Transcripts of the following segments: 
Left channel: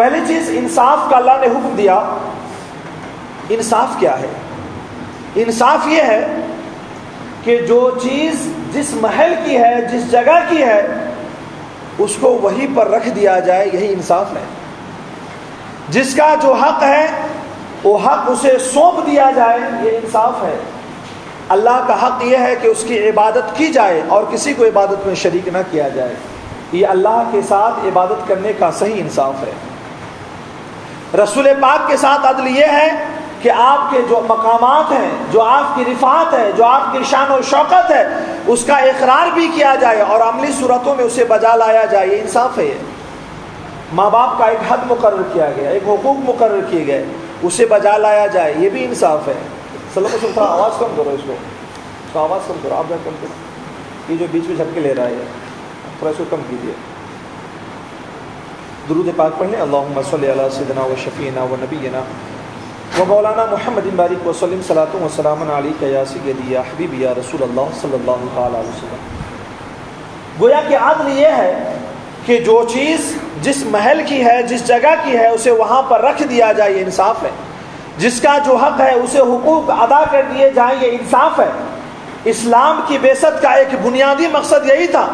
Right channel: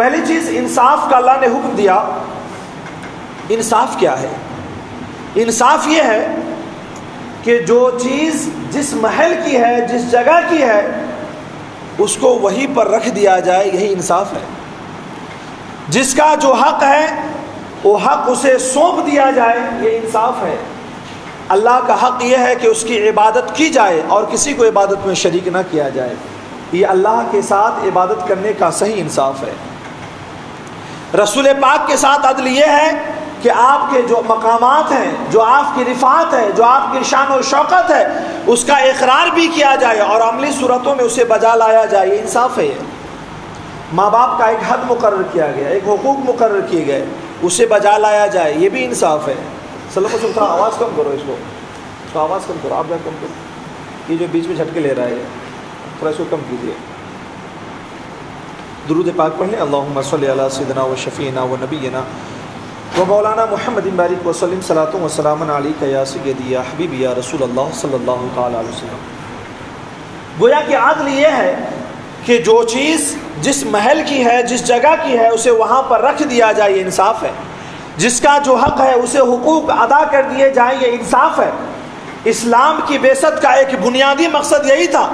پہلی چیز انصاف کا اللہ نے حکم دیا. انصاف کیا ہے؟ انصاف یہ ہے کہ جو چیز جس محل کی ہے، جس جگہ کی ہے، اس کو وہیں پر رکھ دیا جائے، یہی انصاف ہے. جس کا جو حق ہے وہ حق اسے سونپ دیا جائے، یہ انصاف ہے. اللہ کا حق یہ ہے کہ اس کی عبادت کی جائے اور کسی کو عبادت میں شریک نہ کیا جائے. یہ اللہ کے ساتھ عبادت کرنے کا صحیح انصاف ہے. رسول پاک کے ساتھ عدل یہ ہے کہ آپ کے جو مقامات ہیں، جو آپ کی رفعت ہے، جو آپ کی شان و شوکت ہے، اس کا اقرار بھی کیا جائے اور عملی صورتوں میں اسے بجا لایا جائے. یہ انصاف ہے. ماں باپ کا ایک حد مقرر کیا گیا، ایک حقوق مقرر کیے گئے، اسے بجا لایا جائے، یہ بھی انصاف ہے. تھوڑا آواز کم کرو، اس کو آواز کم کرو، آپ جا کم کرو، یہ جو بیچ میں جھٹکے لے رہا ہے تھوڑا اس کو کم کیجیے. درود پاک پڑھیں. اللہم صلی علی سیدنا و شفیعنا و نبینا و مولانا محمد بارک وسلم صلاۃ و سلام علیک یا سیدی یا حبیبی یا رسول اللہ صلی اللہ تعالی علیہ وسلم. گویا کہ عدل یہ ہے کہ جو چیز جس محل کی ہے، جس جگہ کی ہے، اسے وہاں پر رکھ دیا جائے، یہ انصاف ہے. جس کا جو حق ہے اسے حقوق ادا کر دیے جائیں، یہ انصاف ہے. اسلام کی بعثت کا ایک بنیادی مقصد یہی تھا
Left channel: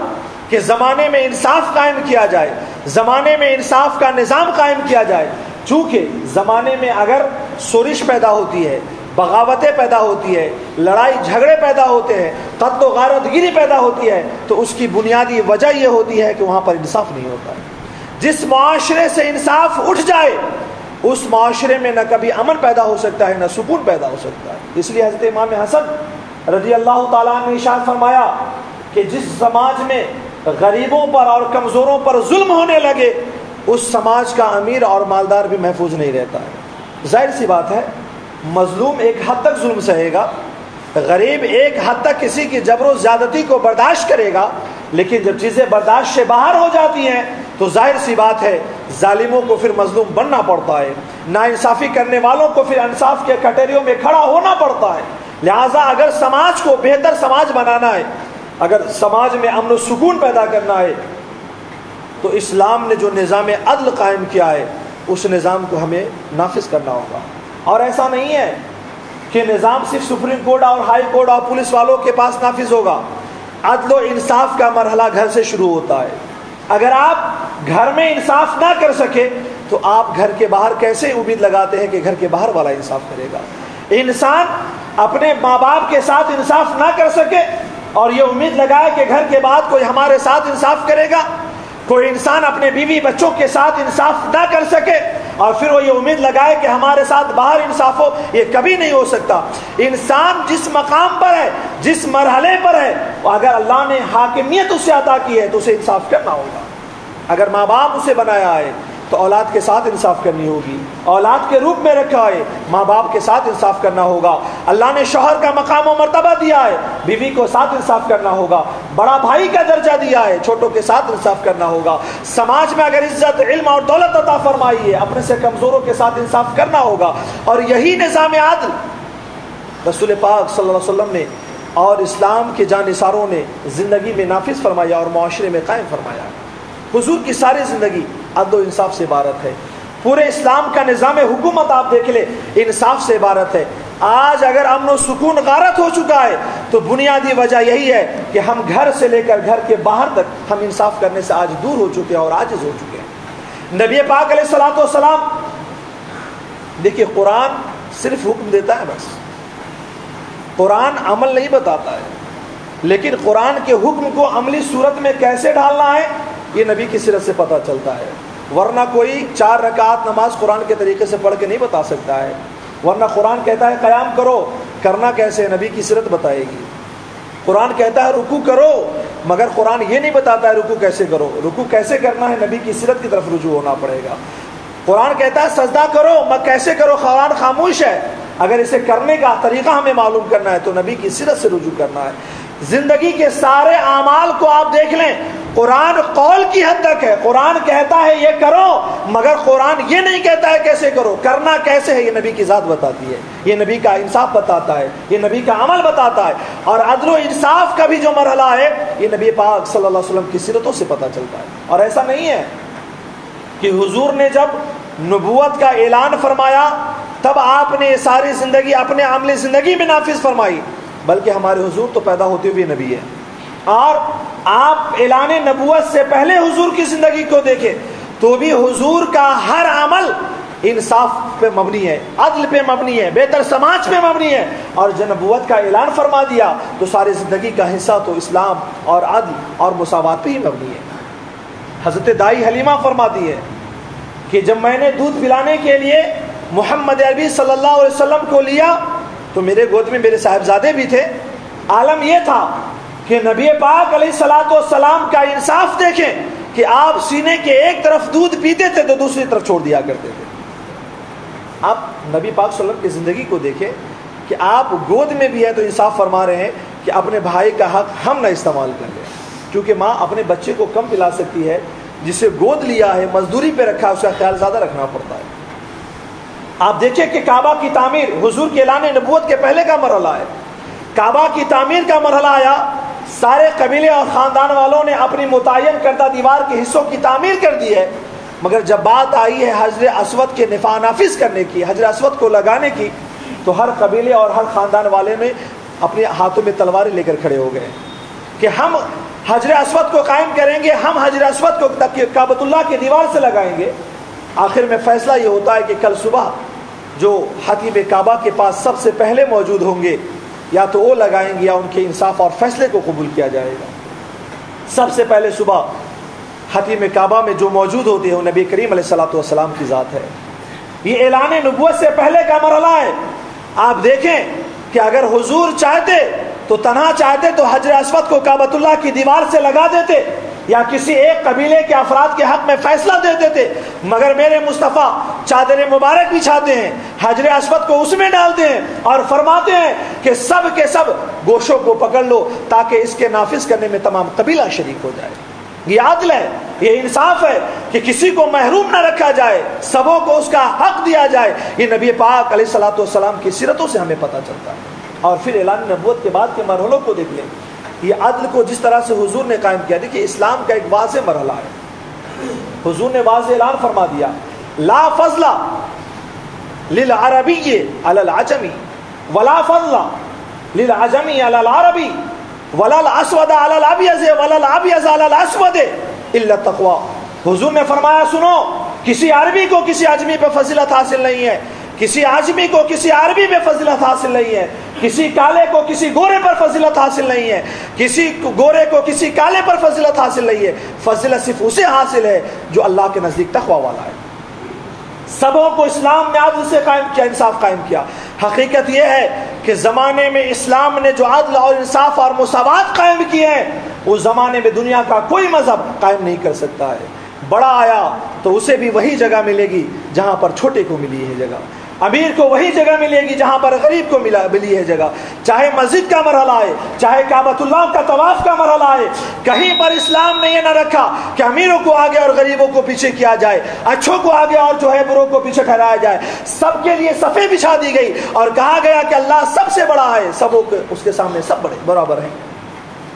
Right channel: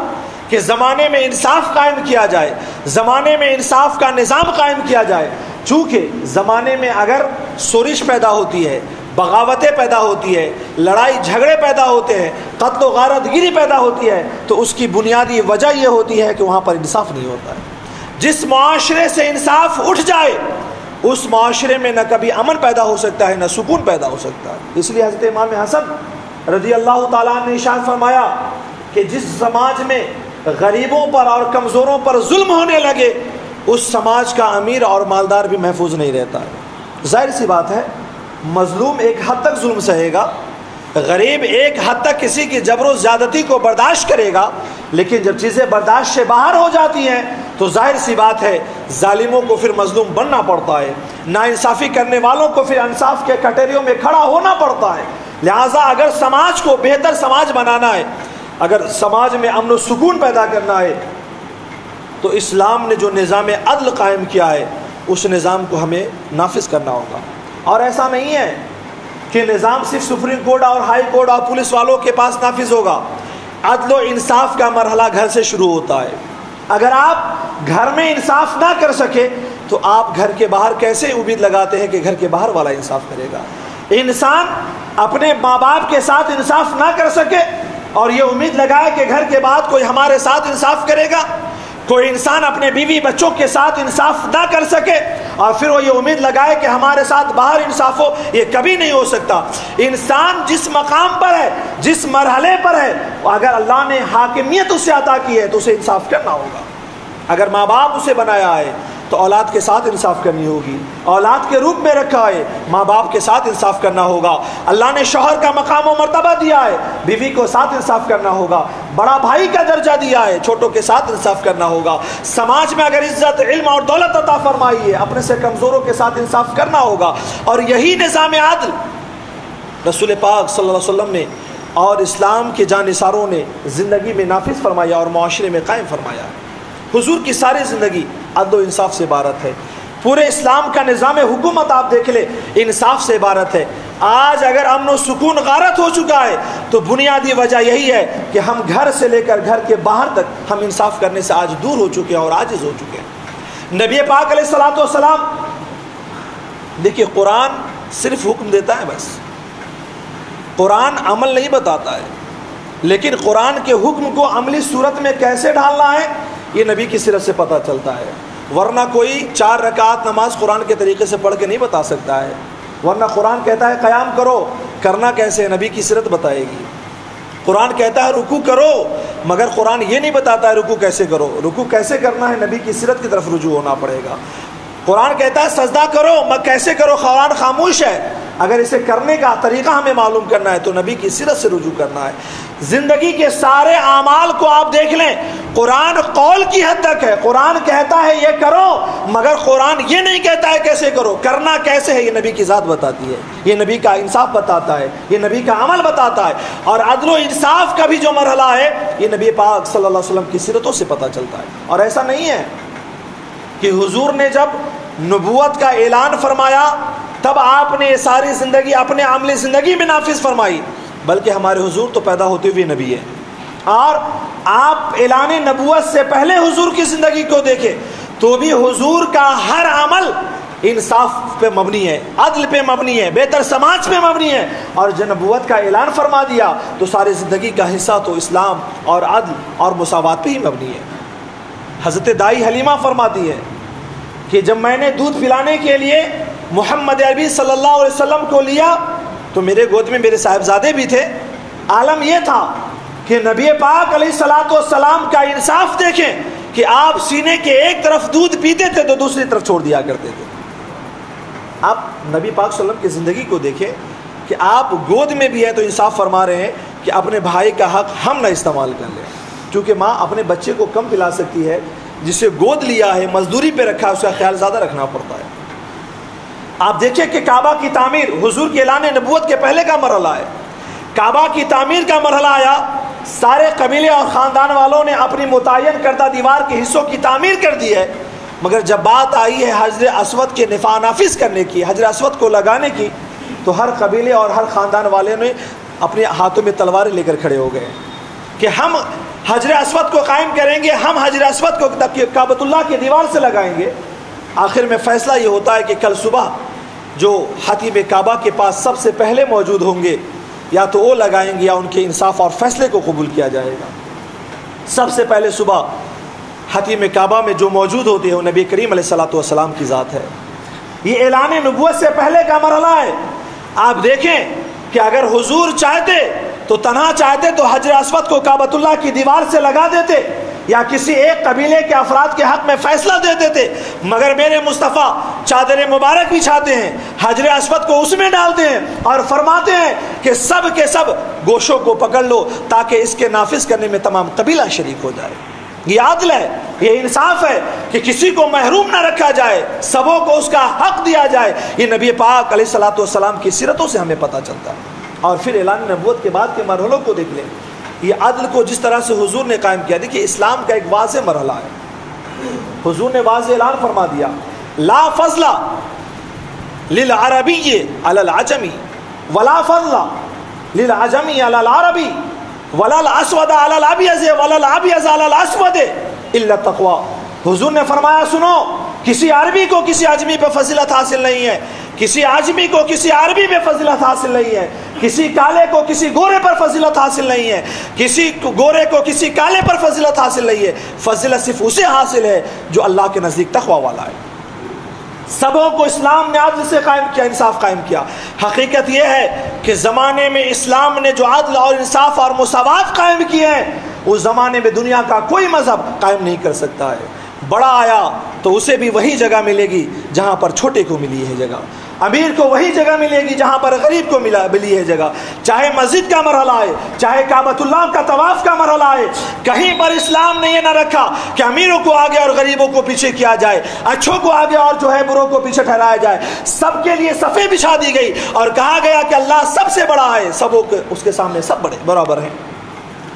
کہ زمانے میں انصاف قائم کیا جائے، زمانے میں انصاف کا نظام قائم کیا جائے. چونکہ زمانے میں اگر شورش پیدا ہوتی ہے، بغاوتیں پیدا ہوتی ہے، لڑائی جھگڑے پیدا ہوتے ہیں، قتل و غارت گیری پیدا ہوتی ہے، تو اس کی بنیادی وجہ یہ ہوتی ہے کہ وہاں پر انصاف نہیں ہوتا ہے. جس معاشرے سے انصاف اٹھ جائے اس معاشرے میں نہ کبھی امن پیدا ہو سکتا ہے، نہ سکون پیدا ہو سکتا ہے. اس لیے حضرت امام حسن رضی اللہ تعالیٰ نے ارشاد فرمایا کہ جس سماج میں غریبوں پر اور کمزوروں پر ظلم ہونے لگے اس سماج کا امیر اور مالدار بھی محفوظ نہیں رہتا ہے. ظاہر سی بات ہے، مظلوم ایک حد تک ظلم سہے گا، غریب ایک حد تک کسی کی جبر و زیادتی کو برداشت کرے گا، لیکن جب چیزیں برداشت سے باہر ہو جاتی ہیں تو ظاہر سی بات ہے ظالموں کو پھر مظلوم بننا پڑتا ہے، ناانصافی کرنے والوں کو پھر انصاف کے کٹہریوں میں کھڑا ہونا پڑتا ہے. لہٰذا اگر سماج کو بہتر سماج بنانا ہے، اگر سماج میں امن و سکون پیدا کرنا ہے، تو اسلام نے جو نظام عدل قائم کیا ہے اس نظام کو ہمیں نافذ کرنا ہوگا. اور ایسا نہیں ہے کہ نظام صرف سپریم کورٹ اور ہائی کورٹ اور پولیس والوں کے پاس نافذ ہوگا. عدل و انصاف کا مرحلہ گھر سے شروع ہوتا ہے. اگر آپ گھر میں انصاف نہ کر سکے تو آپ گھر کے باہر کیسے امید لگاتے ہیں کہ گھر کے باہر والا انصاف کرے گا؟ انسان اپنے ماں باپ کے ساتھ انصاف نہ کر سکے اور یہ امید لگائے کہ گھر کے بعد کوئی ہمارے ساتھ انصاف کرے گا. کوئی انسان اپنے بیوی بچوں کے ساتھ انصاف نہ کر سکے اور پھر وہ یہ امید لگائے کہ ہمارے ساتھ باہر انصاف ہو، یہ کبھی نہیں ہو سکتا. انسان جس مقام پر ہے، جس مرحلے پر ہے، اگر اللہ نے حاکمیت اسے عطا کی ہے تو اسے انصاف کرنا ہوگا. اگر ماں باپ اسے بنایا ہے تو اولاد کے ساتھ انصاف کرنی ہوگی. اولاد کے روپ میں رکھا ہے، ماں باپ کے ساتھ انصاف کرنا ہوگا. اللہ نے شوہر کا مقام و مرتبہ دیا ہے، بیوی کو ساتھ انصاف کرنا ہوگا. بڑا بھائی کا درجہ دیا ہے، چھوٹوں کے ساتھ انصاف کرنا ہوگا. سماج میں اگر عزت، علم اور دولت عطا فرمائی ہے، اپنے سے کمزوروں کے ساتھ انصاف کرنا ہوگا. اور یہی نظام عدل رسول پاک صلی اللہ علیہ وسلم نے اور اسلام کے جانثاروں نے زندگی میں نافذ فرمایا اور معاشرے میں قائم فرمایا. حضور کی ساری زندگی عدل و انصاف سے عبارت ہے. پورے اسلام کا نظام حکومت آپ دیکھ لیں، انصاف سے عبارت ہے. آج اگر امن و سکون غارت ہو چکا ہے تو بنیادی وجہ یہی ہے کہ ہم گھر سے لے کر گھر کے باہر تک ہم انصاف کرنے سے آج دور ہو چکے ہیں اور عاجز ہو چکے ہیں. نبی پاک علیہ الصلوۃ والسلام، دیکھیے قرآن صرف حکم دیتا ہے، بس قرآن عمل نہیں بتاتا ہے. لیکن قرآن کے حکم کو عملی صورت میں کیسے ڈھالنا ہے یہ نبی کی سیرت سے پتہ چلتا ہے. ورنہ کوئی 4 رکعت نماز قرآن کے طریقے سے پڑھ کے نہیں بتا سکتا ہے. ورنہ قرآن کہتا ہے قیام کرو، کرنا کیسے نبی کی سیرت بتائے گی. قرآن کہتا ہے رکوع کرو، مگر قرآن یہ نہیں بتاتا ہے رکوع کیسے کرو. رکوع کیسے کرنا ہے نبی کی سیرت کی طرف رجوع ہونا پڑے گا. قرآن کہتا ہے سجدہ کرو، مگر کیسے کرو قرآن خاموش ہے. اگر اسے کرنے کا طریقہ ہمیں معلوم کرنا ہے تو نبی کی سیرت سے رجوع کرنا ہے. زندگی کے سارے اعمال کو آپ دیکھ لیں، قرآن قول کی حد تک ہے. قرآن کہتا ہے یہ کرو، مگر قرآن یہ نہیں کہتا ہے کیسے کرو. کرنا کیسے ہے یہ نبی کی ذات بتاتی ہے، یہ نبی کا انصاف بتاتا ہے، یہ نبی کا عمل بتاتا ہے. اور عدل و انصاف کا بھی جو مرحلہ ہے یہ نبی پاک صلی اللہ علیہ وسلم کی سیرتوں سے پتہ چلتا ہے. اور ایسا نہیں ہے کہ حضور نے جب نبوت کا اعلان فرمایا تب آپ نے یہ ساری زندگی اپنے عملی زندگی میں نافذ فرمائی، بلکہ ہمارے حضور تو پیدا ہوتے ہوئے نبی ہیں، اور آپ اعلان نبوت سے پہلے حضور کی زندگی کو دیکھیں تو بھی حضور کا ہر عمل انصاف پہ مبنی ہے، عدل پہ مبنی ہے، بہتر سماج پہ مبنی ہے، اور جب نبوت کا اعلان فرما دیا تو ساری زندگی کا حصہ تو اسلام اور عدل اور مساوات پہ ہی مبنی ہے۔ حضرت دائی حلیمہ فرماتی ہے کہ جب میں نے دودھ پلانے کے لیے محمد عربی صلی اللہ علیہ وسلم کو لیا تو میرے گود میں میرے صاحبزادے بھی تھے۔ عالم یہ تھا کہ نبی پاک علیہ الصلوۃ والسلام کا انصاف دیکھیں کہ آپ سینے کے ایک طرف دودھ پیتے تھے تو دوسری طرف چھوڑ دیا کرتے تھے۔ آپ نبی پاک صلی اللہ علیہ وسلم کی زندگی کو دیکھیں کہ آپ گود میں بھی ہے تو انصاف فرما رہے ہیں کہ اپنے بھائی کا حق ہم نہ استعمال کر لیں، کیونکہ ماں اپنے بچے کو کم پلا سکتی ہے، جسے گود لیا ہے مزدوری پہ رکھا ہے اس کا خیال زیادہ رکھنا پڑتا ہے۔ آپ دیکھیں کہ کعبہ کی تعمیر حضور کے اعلان نبوت کے پہلے کا مرحلہ ہے۔ کعبہ کی تعمیر کا مرحلہ آیا، سارے قبیلے اور خاندان والوں نے اپنی متعین کردہ دیوار کے حصوں کی تعمیر کر دی ہے، مگر جب بات آئی ہے حجر اسود کے نافذ کرنے کی، حجر اسود کو لگانے کی، تو ہر قبیلے اور ہر خاندان والے نے اپنے ہاتھوں میں تلواریں لے کر کھڑے ہو گئے کہ ہم حجر اسود کو قائم کریں گے، ہم حجر اسود کو کعبۃ اللہ کی دیوار سے لگائیں گے۔ آخر میں فیصلہ یہ ہوتا ہے کہ کل صبح جو حتیم کعبہ کے پاس سب سے پہلے موجود ہوں گے یا تو وہ لگائیں گے یا ان کے انصاف اور فیصلے کو قبول کیا جائے گا۔ سب سے پہلے صبح حتیم کعبہ میں جو موجود ہوتے ہیں وہ نبی کریم علیہ الصلوۃ والسلام کی ذات ہے۔ یہ اعلان نبوت سے پہلے کا مرحلہ ہے۔ آپ دیکھیں کہ اگر حضور چاہتے تو تنہا چاہتے تو حجر اسود کو کعبۃ اللہ کی دیوار سے لگا دیتے یا کسی ایک قبیلے کے افراد کے حق میں فیصلہ دے دیتے، مگر میرے مصطفیٰ چادر مبارک بچھاتے ہیں، حجر اسود کو اس میں ڈالتے ہیں اور فرماتے ہیں کہ سب کے سب گوشوں کو پکڑ لو تاکہ اس کے نافذ کرنے میں تمام قبیلہ شریک ہو جائے۔ یہ عدل ہے، یہ انصاف ہے کہ کسی کو محروم نہ رکھا جائے، سبوں کو اس کا حق دیا جائے۔ یہ نبی پاک علیہ الصلوۃ والسلام کی سیرتوں سے ہمیں پتہ چلتا ہے۔ اور پھر اعلان نبوت کے بعد کے مرحلوں کو دیکھ لیں، یہ عدل کو جس طرح سے حضور نے قائم کیا، دیکھیے اسلام کا ایک واضح مرحلہ ہے۔ حضور نے واضح اعلان فرما دیا، لا فضل للعربی علی العجمی ولا فضل للعجمی علی العربی ولا الاسود علی الابیض ولا الابیض علی الاسود الا التقوی۔ حضور نے فرمایا سنو، کسی عربی کو کسی عجمی پہ فضیلت حاصل نہیں ہے، کسی عجمی کو کسی عربی پہ فضیلت حاصل نہیں ہے، کسی کالے کو کسی گورے پر فضیلت حاصل نہیں ہے، کسی گورے کو کسی کالے پر فضیلت حاصل نہیں ہے۔ فضیلت صرف اسے حاصل ہے جو اللہ کے نزدیک تقوی والا ہے۔ سبوں کو اسلام نے عدل سے قائم کیا، انصاف قائم کیا۔ حقیقت یہ ہے کہ زمانے میں اسلام نے جو عدل اور انصاف اور مساوات قائم کیے ہیں اس زمانے میں دنیا کا کوئی مذہب قائم نہیں کر سکتا ہے۔ بڑا آیا تو اسے بھی وہی جگہ ملے گی جہاں پر چھوٹے کو ملی ہے جگہ، امیر کو وہی جگہ ملے گی جہاں پر غریب کو ملی ہے جگہ، چاہے مسجد کا مرحلہ ہے، چاہے کعبۃ اللہ کا طواف کا مرحلہ ہے۔ کہیں پر اسلام نے یہ نہ رکھا کہ امیروں کو آگے اور غریبوں کو پیچھے کیا جائے، اچھوں کو آگے اور جو ہے بروں کو پیچھے ٹھہرایا جائے۔ سب کے لیے صفیں بچھا دی گئی اور کہا گیا کہ اللہ سب سے بڑا ہے، سبوں کے اس کے سامنے سب بڑے برابر ہیں۔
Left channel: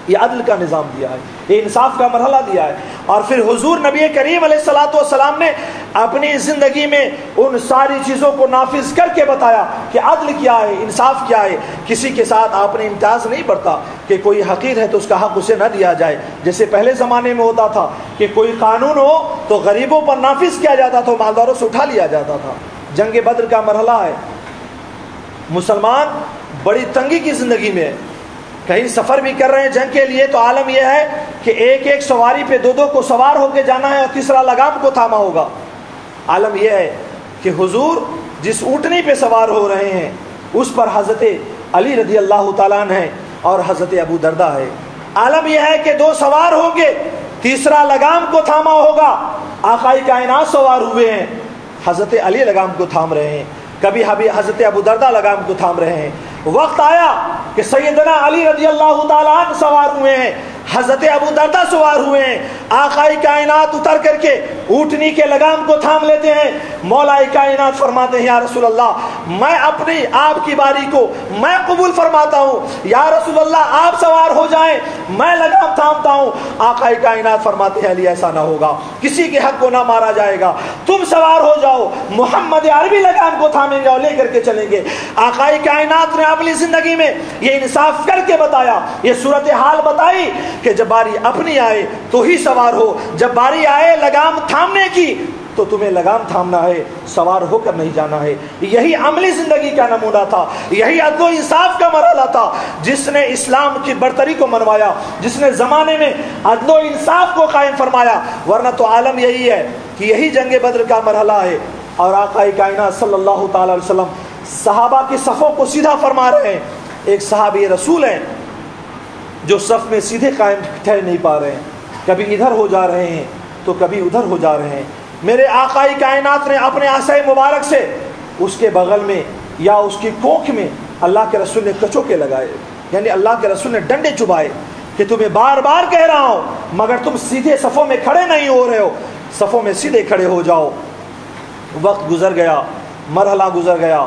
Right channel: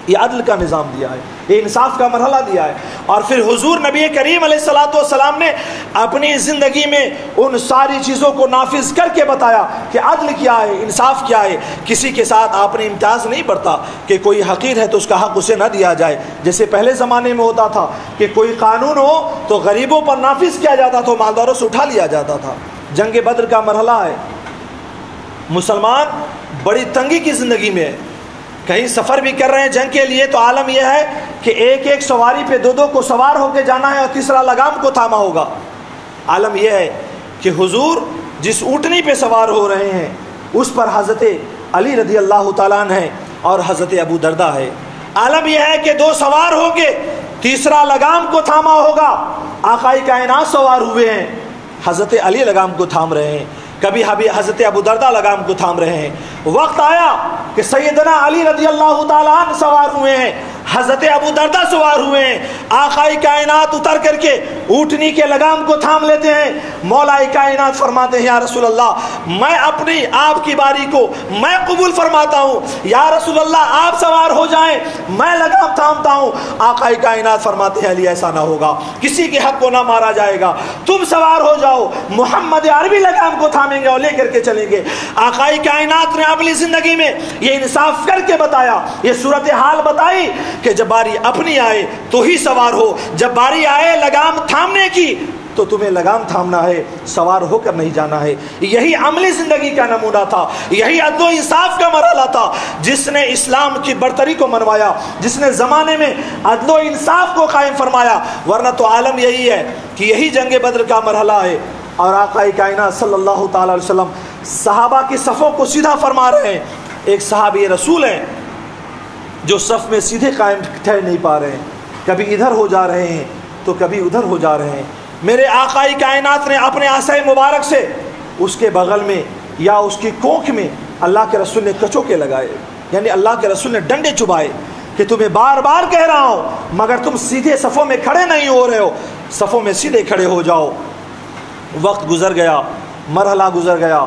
یہ عدل کا نظام دیا ہے، یہ انصاف کا مرحلہ دیا ہے۔ اور پھر حضور نبی کریم علیہ الصلوۃ والسلام نے اپنی زندگی میں ان ساری چیزوں کو نافذ کر کے بتایا کہ عدل کیا ہے، انصاف کیا ہے۔ کسی کے ساتھ آپ نے امتیاز نہیں برتا کہ کوئی حقیر ہے تو اس کا حق اسے نہ دیا جائے، جیسے پہلے زمانے میں ہوتا تھا کہ کوئی قانون ہو تو غریبوں پر نافذ کیا جاتا تھا، مالداروں سے اٹھا لیا جاتا تھا۔ جنگ بدر کا مرحلہ ہے، مسلمان بڑی تنگی کی زندگی میں ہے، کہیں سفر بھی کر رہے ہیں جنگ کے لیے تو عالم یہ ہے کہ ایک ایک سواری پہ دو کو سوار ہو کے جانا ہے اور تیسرا لگام کو تھاما ہوگا۔ عالم یہ ہے کہ حضور جس اونٹنی پہ سوار ہو رہے ہیں اس پر حضرت علی رضی اللہ تعالیٰ عنہ ہے اور حضرت ابو دردہ ہے۔ عالم یہ ہے کہ دو سوار ہوں گے، تیسرا لگام کو تھاما ہوگا۔ آقائے کائنات سوار ہوئے ہیں، حضرت علی لگام کو تھام رہے ہیں، کبھی حضرت ابو دردہ لگام کو تھام رہے ہیں۔ وقت آیا کہ سیدنا علی رضی اللہ تعالیٰ عنہ سوار ہوئے ہیں، حضرت ابو دردہ سوار ہوئے ہیں، آقائے کائنات اتر کر کے اونٹنی کے لگام کو تھام لیتے ہیں، مولا کائنات فرماتے ہیں یا رسول اللہ میں اپنی آپ کی باری کو میں قبول فرماتا ہوں، یا رسول اللہ آپ سوار ہو جائیں میں لگام تھامتا ہوں۔ آقائے کائنات فرماتے ہیں علی ایسا نہ ہوگا، کسی کے حق کو نہ مارا جائے گا، تم سوار ہو جاؤ، محمد عربی لگام کو تھامیں گے اور لے کر کے چلیں گے۔ آقائے کائنات نے اپنی زندگی میں یہ انصاف کر کے بتایا، یہ صورتحال بتائی کہ جب باری اپنی آئے تو ہی سوار ہو، جب باری آئے لگام تھامنے کی تو تمہیں لگام تھامنا ہے، سوار ہو کر نہیں جانا ہے۔ یہی عملی زندگی کا نمونہ تھا، یہی عدل و انصاف کا مرحلہ تھا جس نے اسلام کی برتری کو منوایا، جس نے زمانے میں عدل و انصاف کو قائم فرمایا۔ ورنہ تو عالم یہی ہے کہ یہی جنگ بدر کا مرحلہ ہے، اور آقا کائنات صلی اللہ تعالی علیہ وسلم صحابہ کی صفوں کو سیدھا فرما رہے ہیں۔ ایک صحابی رسول ہیں جو صف میں سیدھے قائم ٹھہر نہیں پا رہے ہیں، کبھی ادھر ہو جا رہے ہیں تو کبھی ادھر ہو جا رہے ہیں۔ میرے آقا کائنات نے اپنے عصا مبارک سے اس کے بغل میں یا اس کی کوکھ میں اللہ کے رسول نے کچوکے لگائے، یعنی اللہ کے رسول نے ڈنڈے چبھائے کہ تمہیں بار بار کہہ رہا ہوں مگر تم سیدھے صفوں میں کھڑے نہیں ہو رہے ہو، صفوں میں سیدھے کھڑے ہو جاؤ۔ وقت گزر گیا، مرحلہ گزر گیا،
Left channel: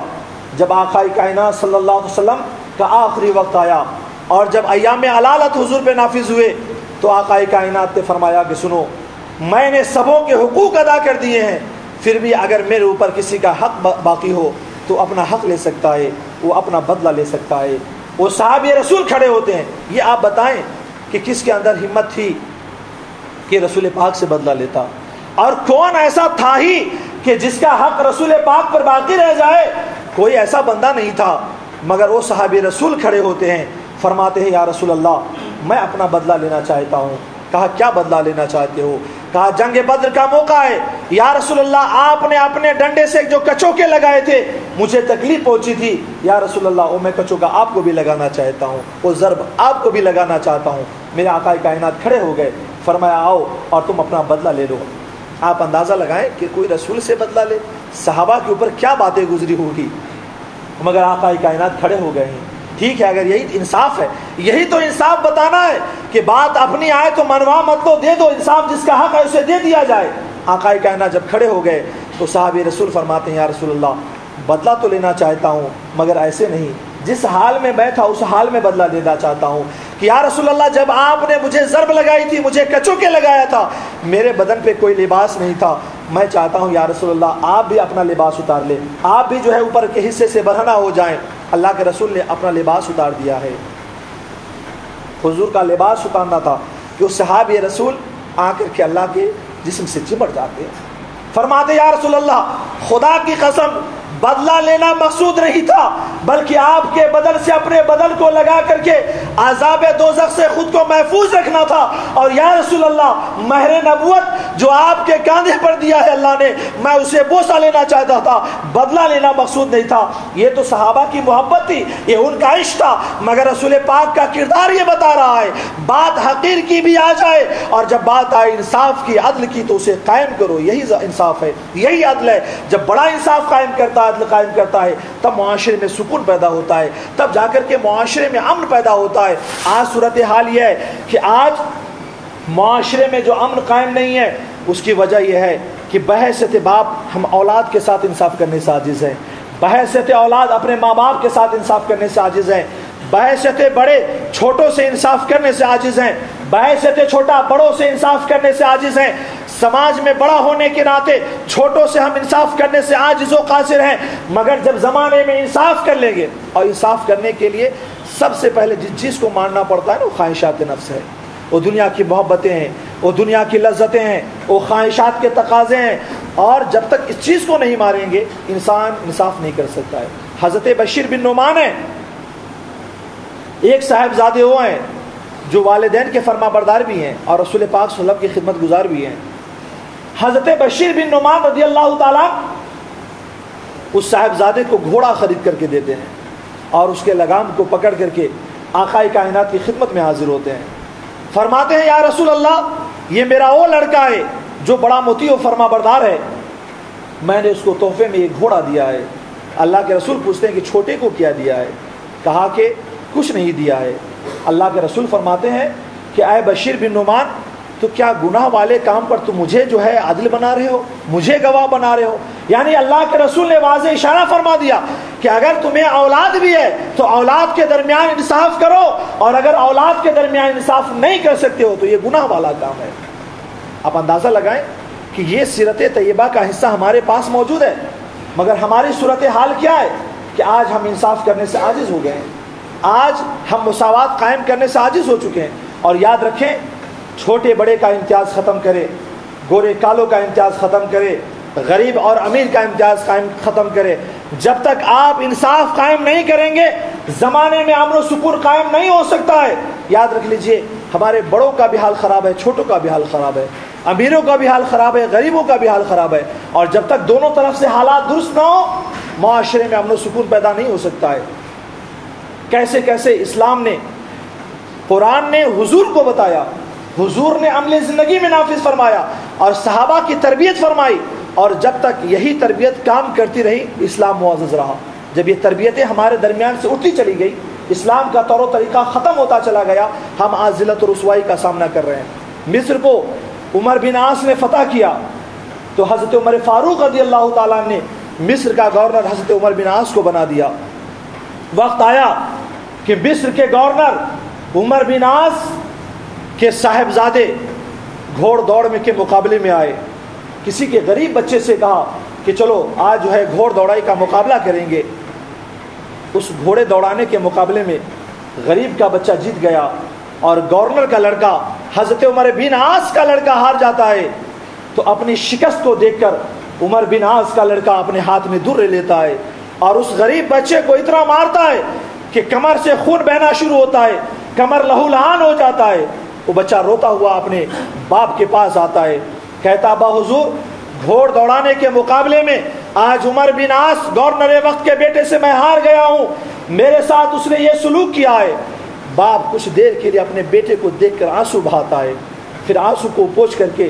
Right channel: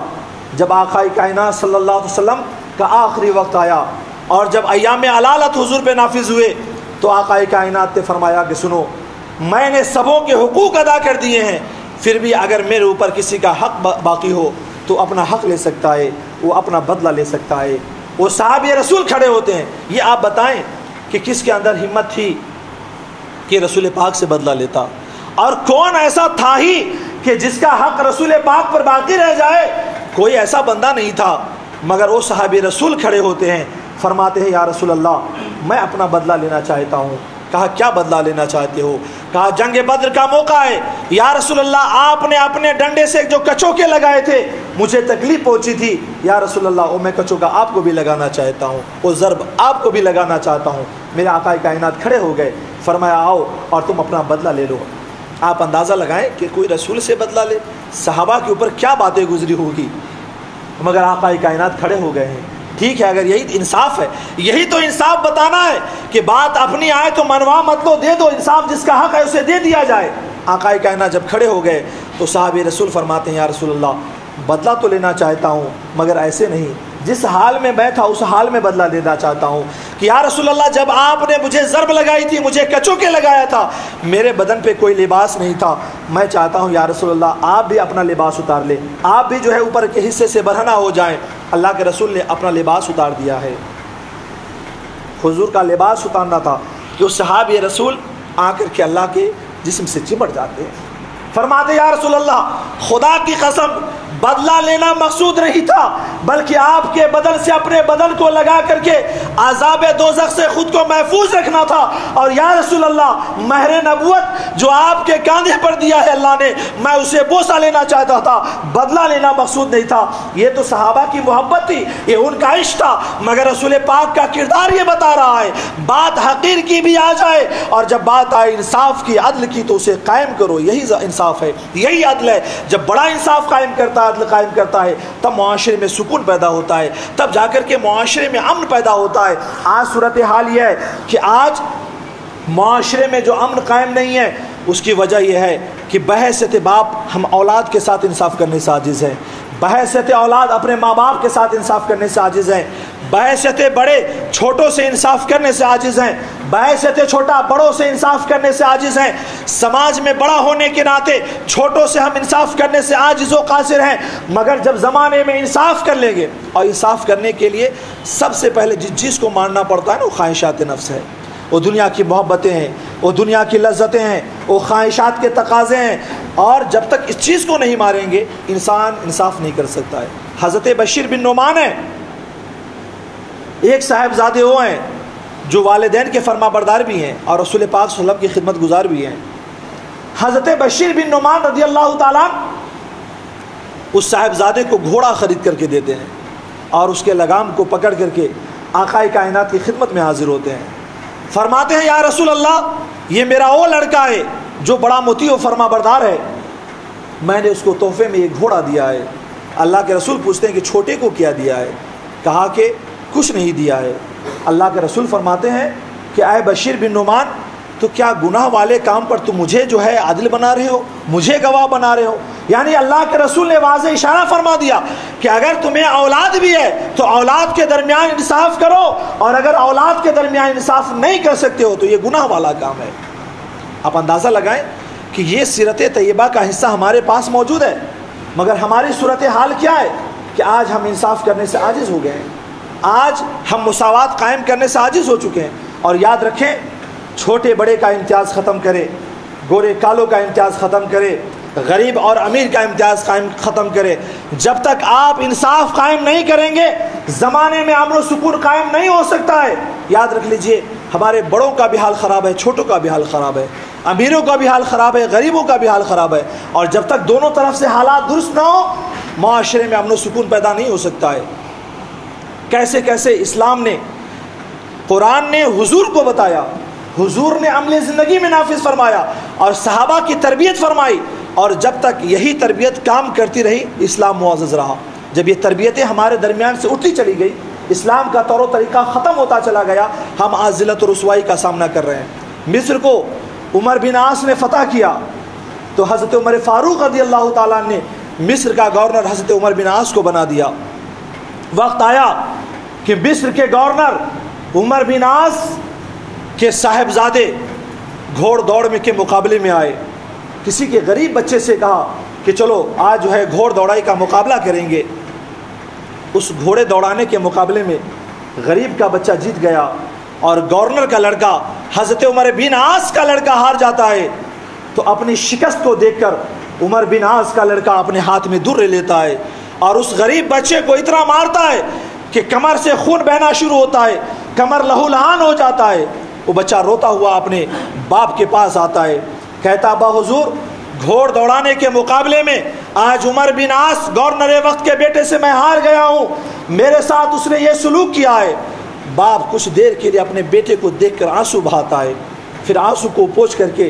جب آقا کائنات صلی اللہ علیہ وسلم کا آخری وقت آیا اور جب ایام علالت حضور پہ نافذ ہوئے تو آقا کائنات نے فرمایا کہ سنو، میں نے سبوں کے حقوق ادا کر دیے ہیں، پھر بھی اگر میرے اوپر کسی کا حق باقی ہو تو اپنا حق لے سکتا ہے، وہ اپنا بدلہ لے سکتا ہے۔ وہ صحابی رسول کھڑے ہوتے ہیں، یہ آپ بتائیں کہ کس کے اندر ہمت تھی کہ رسول پاک سے بدلہ لیتا، اور کون ایسا تھا ہی کہ جس کا حق رسول پاک پر باقی رہ جائے؟ کوئی ایسا بندہ نہیں تھا، مگر وہ صحابی رسول کھڑے ہوتے ہیں، فرماتے ہیں یا رسول اللہ میں اپنا بدلہ لینا چاہتا ہوں۔ کہا کیا بدلہ لینا چاہتے ہو؟ کہا جنگ بدر کا موقع ہے، یا رسول اللہ آپ نے اپنے ڈنڈے سے جو کچوکے لگائے تھے مجھے تکلیف پہنچی تھی، یا رسول اللہ وہ میں کچوکا آپ کو بھی لگانا چاہتا ہوں، وہ ضرب آپ کو بھی لگانا چاہتا ہوں۔ میرے آقا کائنات کھڑے ہو گئے، فرمایا آؤ اور تم اپنا بدلہ لے لو۔ آپ اندازہ لگائیں کہ کوئی رسول سے بدلہ لے، صحابہ کے اوپر کیا باتیں گزری ہوگی، مگر آقا کائنات کھڑے ہو گئے ہیں۔ ٹھیک ہے، اگر یہی انصاف ہے، یہی تو انصاف بتانا ہے کہ بات اپنی آئے تو منوا مت لو، دے دو، انصاف جس کا حق ہے اسے دے دیا جائے۔ آقا کائنات جب کھڑے ہو گئے تو صحابی رسول فرماتے ہیں یا رسول اللہ بدلہ تو لینا چاہتا ہوں مگر ایسے نہیں، جس حال میں میں تھا اس حال میں بدلہ لینا چاہتا ہوں کہ یا رسول اللہ جب آپ نے مجھے ضرب لگائی تھی، مجھے کچوکے لگایا تھا، میرے بدن پہ کوئی لباس نہیں تھا، میں چاہتا ہوں یا رسول اللہ آپ بھی اپنا لباس اتار لیں، آپ بھی جو ہے اوپر کے حصے سے برہنہ ہو جائیں۔ اللہ کے رسول نے اپنا لباس اتار دیا ہے۔ حضور کا لباس اتارنا تھا کہ اس صحابی رسول آ کر کے اللہ کے جسم سے چمٹ جاتے ہیں۔ فرماتے یا رسول اللہ خدا کی قسم بدلہ لینا مقصود نہیں تھا، بلکہ آپ کے بدن سے اپنے بدن کو لگا کر کے عذاب دوزخ سے خود کو محفوظ رکھنا تھا۔ اور یا رسول اللہ مہر نبوت جو آپ کے کاندھے پر دیا ہے اللہ نے، میں اسے بوسہ لینا چاہتا تھا، بدلہ لینا مقصود نہیں تھا۔ یہ تو صحابہ کی محبت تھی، یہ ان کا عشق تھا، مگر رسول پاک کا کردار یہ بتا رہا ہے بات حقیر کی بھی آ جائے اور جب بات آئے انصاف کی، عدل کی، تو اسے قائم کرو، یہی انصاف ہے، یہی عدل ہے۔ جب بڑا انصاف قائم کرتا ہے، عدل قائم کرتا ہے، تب معاشرے میں سکون پیدا ہوتا ہے، تب جا کر کے معاشرے میں امن پیدا ہوتا ہے۔ آج صورتحال یہ ہے کہ آج معاشرے میں جو امن قائم نہیں ہے اس کی وجہ یہ ہے کہ بحیثیت باپ ہم اولاد کے ساتھ انصاف کرنے سے عاجز ہیں، بحیثیت اولاد اپنے ماں باپ کے ساتھ انصاف کرنے سے عاجز ہیں، بحیثیت بڑے چھوٹوں سے انصاف کرنے سے عاجز ہیں، بحیثیت چھوٹا بڑوں سے انصاف کرنے سے عاجز ہیں۔ سماج میں بڑا ہونے کے ناطے چھوٹوں سے ہم انصاف کرنے سے عاجز و قاصر ہیں، مگر جب زمانے میں انصاف کر لیں گے، اور انصاف کرنے کے لیے سب سے پہلے جس چیز کو ماننا پڑتا ہے نا وہ خواہشات نفس ہے، وہ دنیا کی محبتیں ہیں، وہ دنیا کی لذتیں ہیں، وہ خواہشات کے تقاضے ہیں، اور جب تک اس چیز کو نہیں ماریں گے انسان انصاف نہیں کر سکتا ہے۔ حضرت بشیر بن نعمان ہیں، ایک صاحبزادے وہ ہیں جو والدین کے فرما بردار بھی ہیں اور رسول پاک صلی اللہ علیہ وسلم کی خدمت گزار بھی ہیں۔ حضرت بشیر بن نعمان رضی اللہ تعالیٰ اس صاحبزادے کو گھوڑا خرید کر کے دیتے ہیں اور اس کے لگام کو پکڑ کر کے آقا کائنات کی خدمت میں حاضر ہوتے ہیں۔ فرماتے ہیں یا رسول اللہ یہ میرا وہ لڑکا ہے جو بڑا مطیع و فرما بردار ہے، میں نے اس کو تحفے میں ایک گھوڑا دیا ہے۔ اللہ کے رسول پوچھتے ہیں کہ چھوٹے کو کیا دیا ہے؟ کہا کہ کچھ نہیں دیا ہے۔ اللہ کے رسول فرماتے ہیں کہ اے بشیر بن نعمان تو کیا گناہ والے کام پر تم مجھے جو ہے عادل بنا رہے ہو، مجھے گواہ بنا رہے ہو؟ یعنی اللہ کے رسول نے واضح اشارہ فرما دیا کہ اگر تمہیں اولاد بھی ہے تو اولاد کے درمیان انصاف کرو، اور اگر اولاد کے درمیان انصاف نہیں کر سکتے ہو تو یہ گناہ والا کام ہے۔ آپ اندازہ لگائیں کہ یہ سیرت طیبہ کا حصہ ہمارے پاس موجود ہے، مگر ہماری صورتحال کیا ہے کہ آج ہم انصاف کرنے سے عاجز ہو گئے ہیں، آج ہم مساوات قائم کرنے سے عاجز ہو چکے ہیں۔ اور یاد رکھیں، چھوٹے بڑے کا امتیاز ختم کرے، گورے کالوں کا امتیاز ختم کرے، غریب اور امیر کا امتیاز ختم کرے۔ جب تک آپ انصاف قائم نہیں کریں گے زمانے میں امن و سکون قائم نہیں ہو سکتا ہے۔ یاد رکھ لیجئے، ہمارے بڑوں کا بھی حال خراب ہے، چھوٹوں کا بھی حال خراب ہے، امیروں کا بھی حال خراب ہے، غریبوں کا بھی حال خراب ہے، اور جب تک دونوں طرف سے حالات درست نہ ہو معاشرے میں امن و سکون پیدا نہیں ہو سکتا ہے۔ کیسے کیسے اسلام نے، قرآن نے حضور کو بتایا، حضور نے عمل زندگی میں نافذ فرمایا اور صحابہ کی تربیت فرمائی، اور جب تک یہی تربیت کام کرتی رہی اسلام معزز رہا۔ جب یہ تربیتیں ہمارے درمیان سے اٹھتی چلی گئی، اسلام کا طور و طریقہ ختم ہوتا چلا گیا، ہم آج ذلت و رسوائی کا سامنا کر رہے ہیں۔ مصر کو عمر بن عاص نے فتح کیا تو حضرت عمر فاروق رضی اللہ تعالیٰ نے مصر کا گورنر حضرت عمر بن عاص کو بنا دیا۔ وقت آیا کہ مصر کے گورنر عمر بن عاص کے صاحبزادے گھوڑ دوڑ میں کے مقابلے میں آئے۔ کسی کے غریب بچے سے کہا کہ چلو آج جو ہے گھوڑ دوڑائی کا مقابلہ کریں گے۔ اس گھوڑے دوڑانے کے مقابلے میں غریب کا بچہ جیت گیا، اور گورنر کا لڑکا حضرت عمر بن عاص کا لڑکا ہار جاتا ہے۔ تو اپنی شکست کو دیکھ کر عمر بن عاص کا لڑکا اپنے ہاتھ میں در لیتا ہے اور اس غریب بچے کو اتنا مارتا ہے کہ کمر سے خون بہنا شروع ہوتا ہے، کمر لہو لہان ہو جاتا ہے۔ وہ بچہ روتا ہوا اپنے باپ کے پاس آتا ہے، کہتا ابا حضور، گھوڑ دوڑانے کے مقابلے میں آج عمر بن عاص گورنر وقت کے بیٹے سے میں ہار گیا ہوں، میرے ساتھ اس نے یہ سلوک کیا ہے۔ باپ کچھ دیر کے لیے اپنے بیٹے کو دیکھ کر آنسو بہاتا ہے، پھر آنسو کو پوچھ کر کے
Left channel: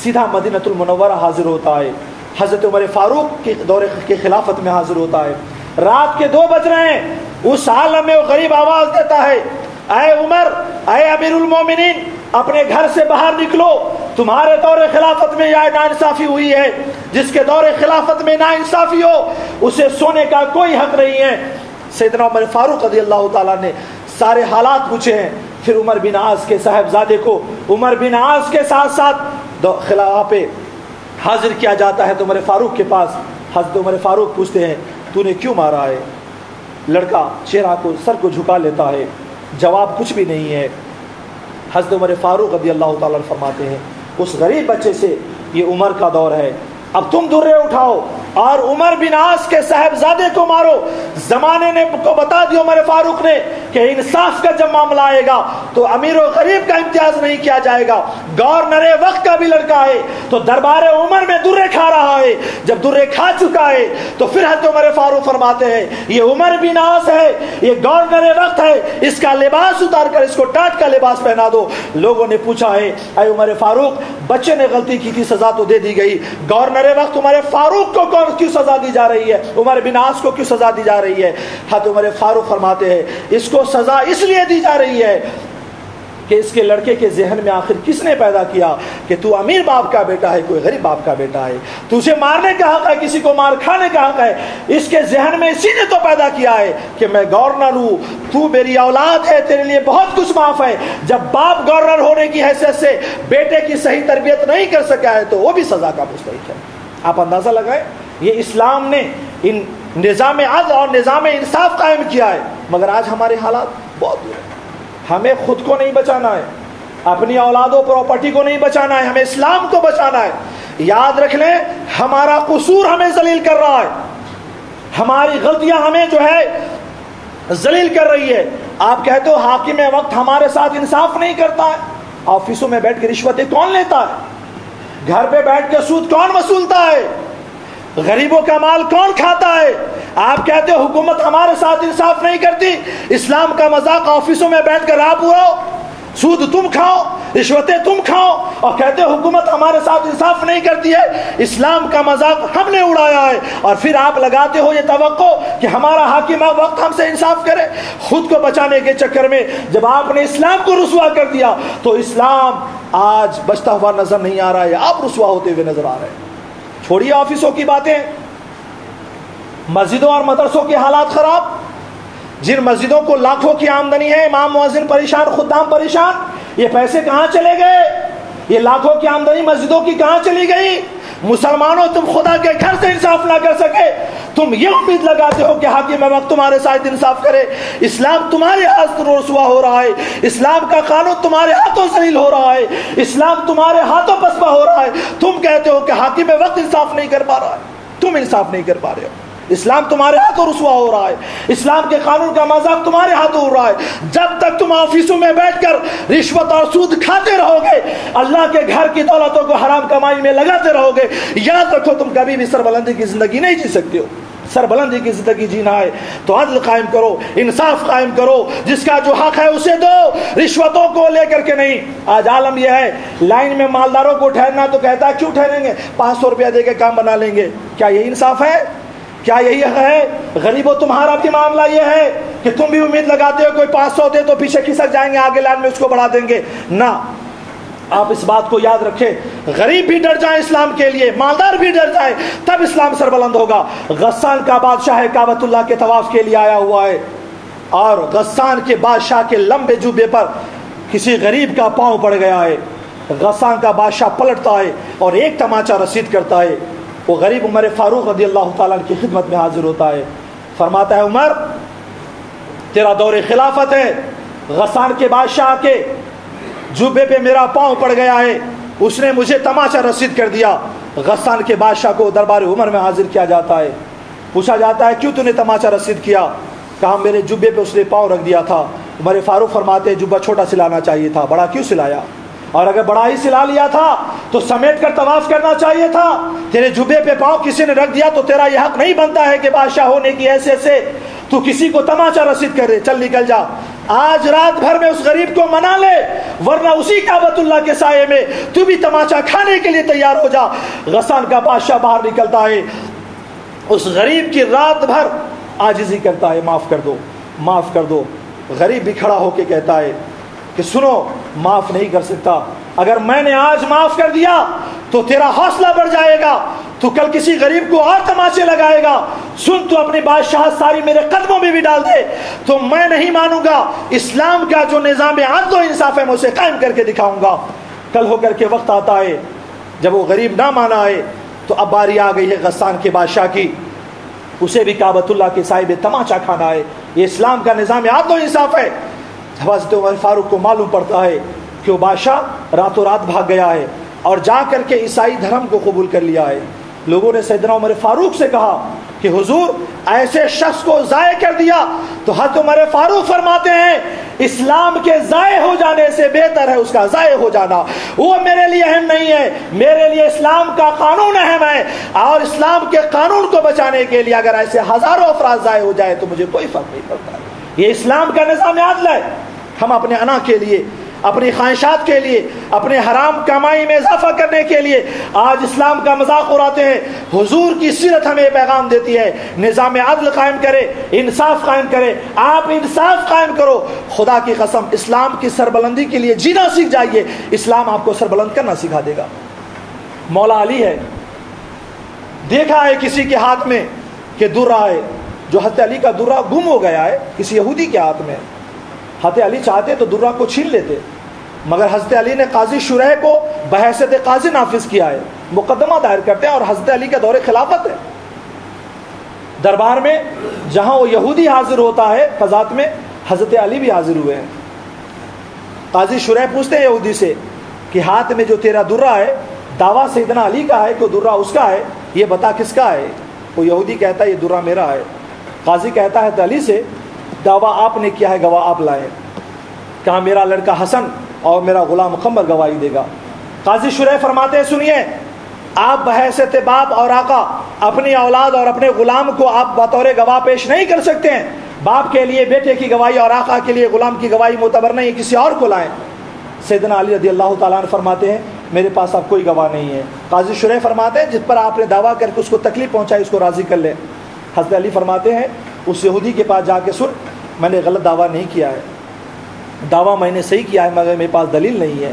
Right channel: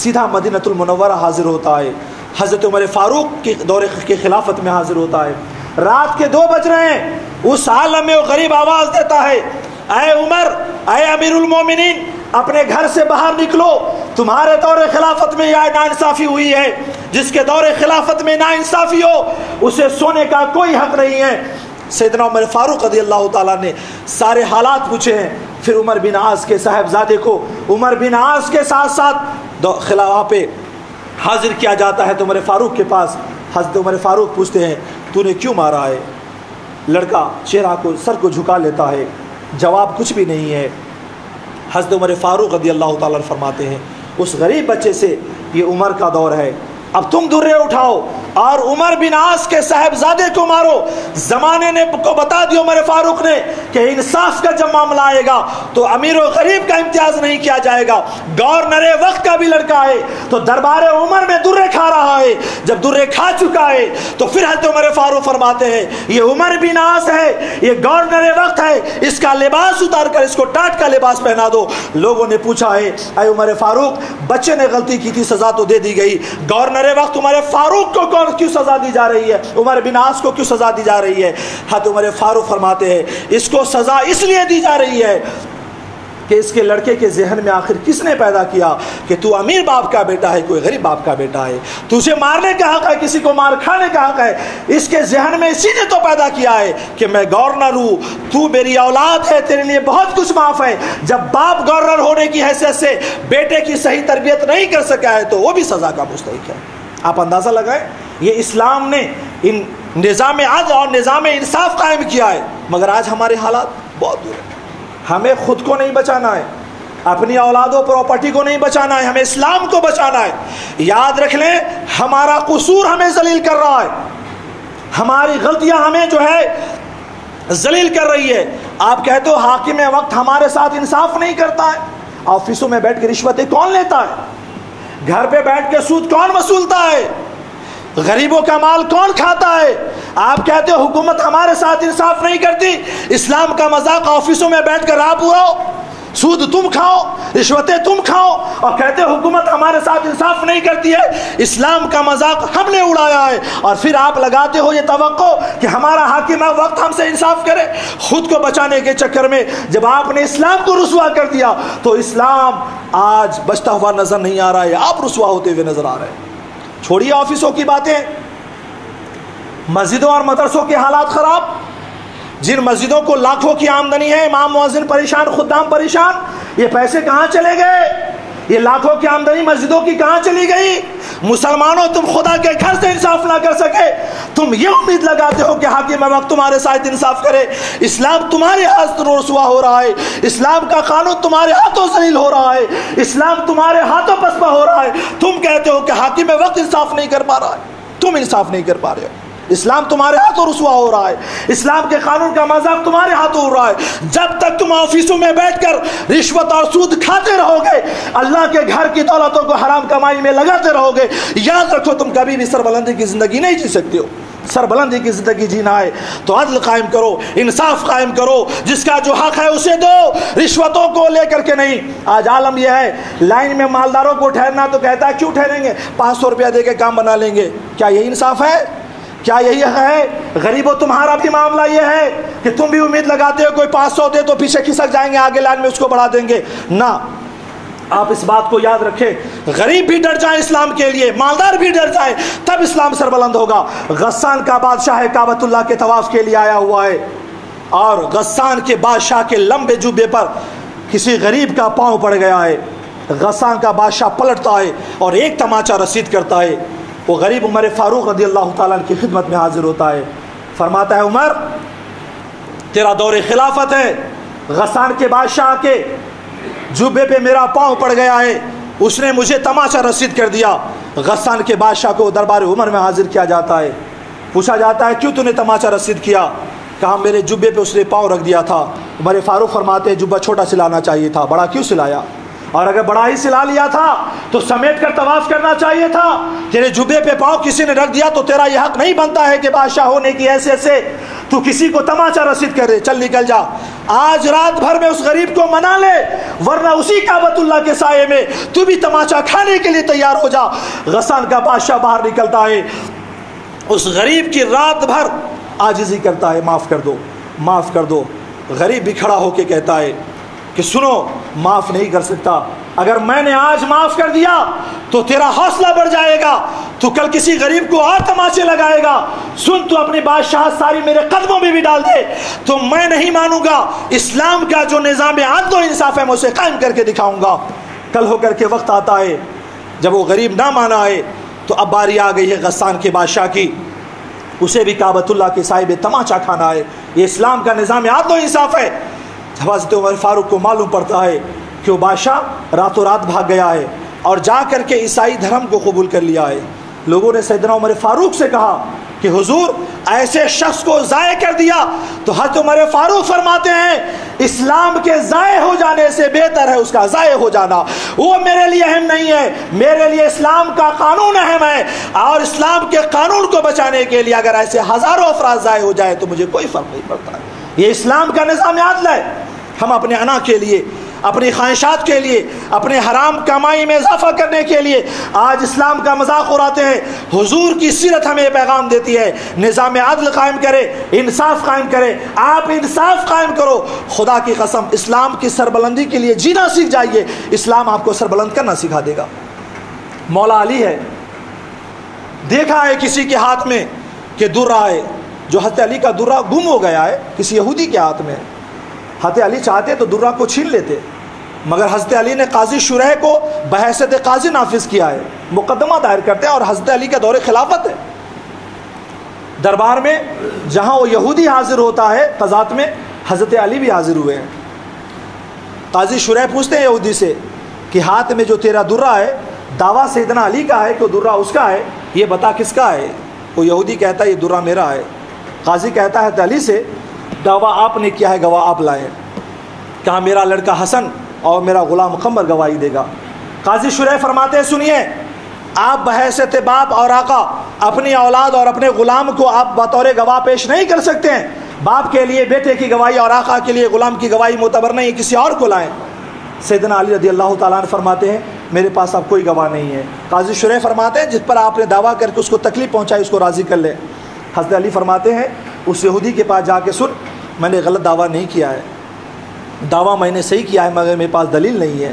سیدھا مدینہ المنورہ حاضر ہوتا ہے، حضرت عمر فاروق کے دور کی خلافت میں حاضر ہوتا ہے۔ رات کے 2 بج رہے ہیں، اس عالم میں وہ غریب آواز دیتا ہے، اے عمر، اے امیر المومنین، اپنے گھر سے باہر نکلو، تمہارے دور خلافت میں یہ ناانصافی ہوئی ہے، جس کے دور خلافت میں ناانصافی ہو اسے سونے کا کوئی حق نہیں ہے۔ سیدنا عمر فاروق رضی اللہ تعالیٰ نے سارے حالات پوچھے ہیں، پھر عمر بن عاص کے صاحبزادے کو عمر بن عاص کے ساتھ ساتھ خلافت پہ حاضر کیا جاتا ہے تو عمر فاروق کے پاس حضرت عمر فاروق پوچھتے ہیں تو نے کیوں مارا ہے؟ لڑکا چہرہ کو، سر کو جھکا لیتا ہے، جواب کچھ بھی نہیں ہے۔ حضرت عمر فاروق رضی اللہ تعالیٰ فرماتے ہیں اس غریب بچے سے یہ عمر کا دور ہے، اب تم درے اٹھاؤ اور عمر بن عاص کے صاحبزادے کو مارو۔ زمانے نے کو بتا دیا عمر فاروق نے کہ انصاف کا جب معاملہ آئے گا تو امیر و غریب کا امتیاز نہیں کیا جائے گا، گورنر وقت کا بھی لڑکا ہے تو دربار عمر میں درے کھا رہا ہے، جب درے کھا چکا ہے تو پھر حضرت عمر فاروق فرماتے ہیں یہ عمر بن عاص ہے، یہ گورنر وقت ہے، اس کا لباس اتار کر اس کو ٹاٹ کا لباس پہنا دو۔ لوگوں نے پوچھا ہے اے عمر فاروق، بچے نے غلطی کی تھی، سزا تو دے دی گئی، گورنر وقت عمر فاروق کو کیوں سزا دی جا رہی ہے، عمر بن عاص کو کیوں سزا دی جا رہی ہے؟ حضرت عمر فاروق فرماتے ہیں اس کو سزا اس لیے دی جا رہی ہے کہ اس کے لڑکے کے ذہن میں آخر کس نے پیدا کیا کہ تو امیر باپ کا بیٹا ہے، کوئی غریب باپ کا بیٹا ہے، تجھے مارنے کا حق ہے، کسی کو مار کھانے کا حق ہے۔ اس کے ذہن میں اسی نے تو پیدا کیا ہے کہ میں گورنر ہوں، تو میری اولاد ہے، تیرے لیے بہت کچھ معاف ہے۔ جب باپ گورنر ہونے کی حیثیت سے بیٹے کی صحیح تربیت نہیں کر سکا ہے تو وہ بھی سزا کا مستحق ہے۔ آپ اندازہ لگائیں، یہ اسلام نے ان نظام عدل اور نظام انصاف قائم کیا ہے، مگر آج ہمارے حالات بہت دور ہیں۔ ہمیں خود کو نہیں بچانا ہے، اپنی اولاد و پراپرٹی کو نہیں بچانا ہے، ہمیں اسلام کو بچانا ہے۔ یاد رکھ لیں ہمارا قصور ہمیں ذلیل کر رہا ہے، ہماری غلطیاں ہمیں جو ہے ذلیل کر رہی ہے۔ آپ کہتے ہو حاکم وقت ہمارے ساتھ انصاف نہیں کرتا ہے، آفسوں میں بیٹھ کے رشوتیں کون لیتا ہے، گھر پہ بیٹھ کے سود کون وصولتا ہے، غریبوں کا مال کون کھاتا ہے؟ آپ کہتے ہو حکومت ہمارے ساتھ انصاف نہیں کرتی، اسلام کا مذاق آفسوں میں بیٹھ کر آپ اڑاؤ، سود تم کھاؤ، رشوتیں تم کھاؤ اور کہتے ہو حکومت ہمارے ساتھ انصاف نہیں کرتی ہے، اسلام کا مذاق ہم نے اڑایا ہے، اور پھر آپ لگاتے ہو یہ توقع کہ ہمارا حاکم وقت ہم سے انصاف کرے۔ خود کو بچانے کے چکر میں جب آپ نے اسلام کو رسوا کر دیا تو اسلام آج بچتا ہوا نظر نہیں آ رہا ہے، آپ رسوا ہوتے ہوئے نظر آ رہے ہیں۔ چھوڑیے آفسوں کی باتیں، مسجدوں اور مدرسوں کے حالات خراب، جن مسجدوں کو لاکھوں کی آمدنی ہے، امام مؤذن پریشان، خدام پریشان، یہ پیسے کہاں چلے گئے؟ یہ لاکھوں کی آمدنی مسجدوں کی کہاں چلی گئی؟ مسلمانوں تم خدا کے گھر سے انصاف نہ کر سکے، تم یہ امید لگاتے ہو کہ حاکم وقت تمہارے ساتھ انصاف کرے۔ اسلام تمہارے ہاتھوں رسوا ہو رہا ہے، اسلام کا قانون تمہارے ہاتھوں ذلیل ہو رہا ہے، اسلام تمہارے ہاتھوں پسپا ہو رہا ہے۔ تم کہتے ہو کہ حاکم وقت انصاف نہیں کر پا رہا ہے، تم انصاف نہیں کر پا رہے ہو، اسلام تمہارے ہاتھوں رسوا ہو رہا ہے، اسلام کے قانون کا مذاق تمہارے ہاتھوں ہو رہا ہے۔ جب تک تم آفسوں میں بیٹھ کر رشوت اور سود کھاتے رہو گے، اللہ کے گھر کی دولتوں کو حرام کمائی میں لگاتے رہو گے، یاد رکھو تم کبھی بھی سربلندی کی زندگی نہیں جی سکتے ہو۔ سربلندی کی زندگی جینا ہے تو عدل قائم کرو، انصاف قائم کرو، جس کا جو حق ہے اسے دو، رشوتوں کو لے کر کے نہیں۔ آج عالم یہ ہے، لائن میں مالداروں کو ٹھہرنا تو کہتا ہے کیوں ٹھہریں گے، 500 روپیہ دے کے کام بنا لیں گے۔ کیا یہی انصاف ہے؟ کیا یہی ہے؟ غریبوں تمہارا بھی معاملہ یہ ہے کہ تم بھی امید لگاتے ہو کوئی 500 دے تو پیچھے کھسک جائیں گے، آگے لائن میں اس کو بڑھا دیں گے۔ نہ، آپ اس بات کو یاد رکھیں، غریب بھی ڈر جائیں اسلام کے لیے، مالدار بھی ڈر جائیں، تب اسلام سربلند ہوگا۔ غسان کا بادشاہ کعبۃ اللہ کے طواف کے لیے آیا ہوا ہے، اور غسان کے بادشاہ کے لمبے جوبے پر کسی غریب کا پاؤں پڑ گیا ہے۔ غسان کا بادشاہ پلٹتا ہے اور ایک تماچا رسید کرتا ہے۔ وہ غریب عمر فاروق رضی اللہ تعالیٰ کی خدمت میں حاضر ہوتا ہے، فرماتا ہے عمر تیرا دور خلافت ہے، غسان کے بادشاہ کے جوبے پہ میرا پاؤں پڑ گیا ہے، اس نے مجھے تماچا رسید کر دیا۔ غسان کے بادشاہ کو دربار عمر میں حاضر کیا جاتا ہے، پوچھا جاتا ہے کیوں تو نے تماچا رسید کیا؟ کہا میرے جوبے پہ اس نے پاؤں رکھ دیا تھا۔ عمر فاروق فرماتے ہیں جوبہ چھوٹا سلانا چاہیے تھا، بڑا کیوں سلایا؟ اور اگر بڑا ہی سلا لیا تھا تو سمیٹ کر طواف کرنا چاہیے تھا۔ تیرے جوبے پہ پاؤں کسی نے رکھ دیا تو تیرا یہ حق نہیں بنتا ہے کہ بادشاہ ہونے کی حیثیت سے تو کسی کو تماچا رسید کرے۔ چل نکل جا، آج رات بھر میں اس غریب کو منا لے، ورنہ اسی کعبۃ اللہ کے سائے میں تو بھی تماچا کھانے کے لیے تیار ہو جا۔ غسان کا بادشاہ باہر نکلتا ہے، اس غریب کی رات بھر عاجزی کرتا ہے، معاف کر دو، معاف کر دو۔ غریب بھی کھڑا ہو کے کہتا ہے کہ سنو، معاف نہیں کر سکتا، اگر میں نے آج معاف کر دیا تو تیرا حوصلہ بڑھ جائے گا، تو کل کسی غریب کو اور تماچے لگائے گا۔ سن، تو اپنی بادشاہ ساری میرے قدموں میں بھی ڈال دے تو میں نہیں مانوں گا۔ اسلام کا جو نظام عدل و انصاف ہے میں اسے قائم کر کے دکھاؤں گا۔ کل ہو کر کے وقت آتا ہے جب وہ غریب نہ مانا ہے تو اب باری آ گئی ہے غسان کے بادشاہ کی، اسے بھی کعبۃ اللہ کے سائے میں تماچا کھانا ہے۔ یہ اسلام کا نظام عدل و انصاف ہے۔ حضرت عمر فاروق کو معلوم پڑتا ہے کہ وہ بادشاہ راتوں رات بھاگ گیا ہے اور جا کر کے عیسائی دھرم کو قبول کر لیا ہے۔ لوگوں نے سیدنا عمر فاروق سے کہا کہ حضور ایسے شخص کو ضائع کر دیا، تو حضرت عمر فاروق فرماتے ہیں اسلام کے ضائع ہو جانے سے بہتر ہے اس کا ضائع ہو جانا، وہ میرے لیے اہم نہیں ہے، میرے لیے اسلام کا قانون اہم ہے، اور اسلام کے قانون کو بچانے کے لیے اگر ایسے ہزاروں افراد ضائع ہو جائے تو مجھے کوئی فرق نہیں پڑتا۔ یہ اسلام کا نظام عدل ہے۔ ہم اپنے انا کے لیے، اپنی خواہشات کے لیے، اپنے حرام کمائی میں اضافہ کرنے کے لیے آج اسلام کا مذاق اڑاتے ہیں۔ حضور کی سیرت ہمیں پیغام دیتی ہے نظام عدل قائم کرے، انصاف قائم کرے۔ آپ انصاف قائم کرو، خدا کی قسم اسلام کی سربلندی کے لیے جینا سیکھ جائیے، اسلام آپ کو سربلند کرنا سکھا دے گا۔ مولا علی ہے، دیکھا ہے کسی کے ہاتھ میں کہ درہ ہے، جو حضرت علی کا درہ گم ہو گیا ہے کسی یہودی کے ہاتھ میں۔ حضرت علی چاہتے تو درہ کو چھین لیتے، مگر حضرت علی نے قاضی شریح کو بحیثیت قاضی نافذ کیا ہے، مقدمہ دائر کرتے ہیں، اور حضرت علی کا دور خلافت ہے۔ دربار میں جہاں وہ یہودی حاضر ہوتا ہے قضات میں، حضرت علی بھی حاضر ہوئے ہیں۔ قاضی شریح پوچھتے ہیں یہودی سے کہ ہاتھ میں جو تیرا درہ ہے دعویٰ سیدنا علی کا ہے کہ درہ اس کا ہے، یہ بتا کس کا ہے؟ وہ یہودی کہتا ہے یہ درہ میرا ہے۔ قاضی کہتا ہے حضرت علی سے دعویٰ آپ نے کیا ہے، گواہ آپ لائے۔ کہا میرا لڑکا حسن اور میرا غلام قمر گواہی دے گا۔ قاضی شریح فرماتے ہیں سنیے، آپ بحیثیت باپ اور آقا اپنی اولاد اور اپنے غلام کو آپ بطور گواہ پیش نہیں کر سکتے ہیں۔ باپ کے لیے بیٹے کی گواہی اور آقا کے لیے غلام کی گواہی معتبر نہیں، کسی اور کو لائیں۔ سیدنا علی رضی اللہ تعالیٰ عنہ فرماتے ہیں میرے پاس اب کوئی گواہ نہیں ہے. قاضی شریح فرماتے ہیں جس پر آپ نے دعویٰ کر کے اس کو تکلیف پہنچائی اس کو راضی کر لے. حضرت علی فرماتے ہیں اس یہودی کے پاس جا کے سن میں نے غلط دعویٰ نہیں کیا ہے, دعویٰ میں نے صحیح کیا ہے مگر میرے پاس دلیل نہیں ہے,